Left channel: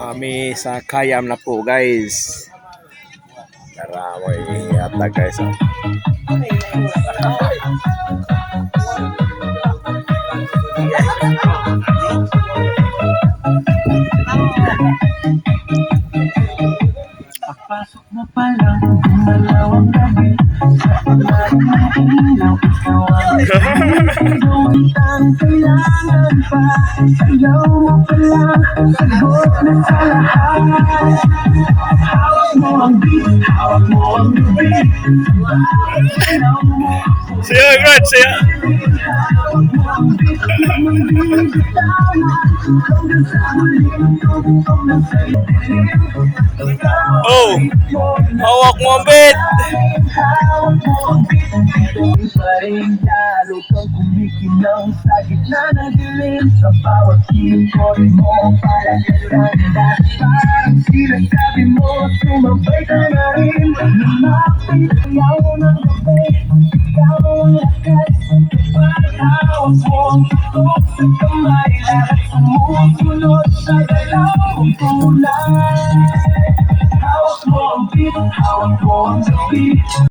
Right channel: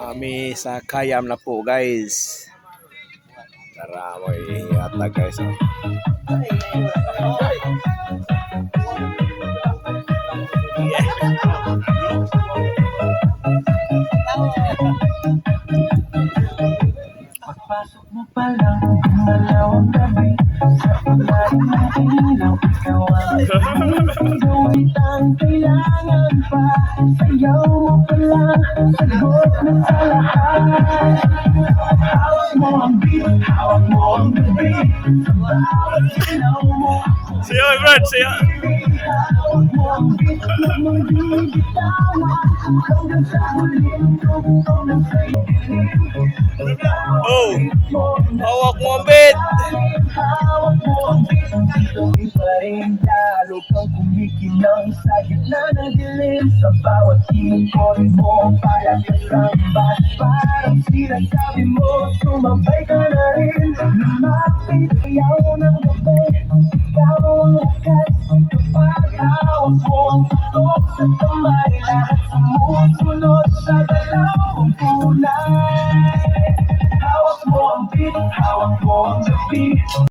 Kami sa Kayam na po guys. Tara mo yata guys. Pasok mo pa lang, gumalaw ang gabi. Sa ilalim ng ilaw, ikaw ang kailangan pa. Sayaw mo pa lang, sagot na sa lahat. Hawak mo ang beat, hawak mo ang gabi. Sayaw mo. Siya, Brad, siya. Hawak mo ang beat, lamang bibitawan. Hanggang sa huling tugtog ng sa'yo. Oh, hawak mo ang bed. Lalo kang kumikinang sa gitna ng dilim. Sa bawat ikot mo para ganda. Parang sinasabi mo, sumabay ka na rin. Lumapit ayaw ng gabi, ikaw ang lakas. Kapag hawak mo ang tutok sa kamay, lahat sumusunod sa galaw kong tunay. Hawak mo ang beat, hawak mo ang gabi.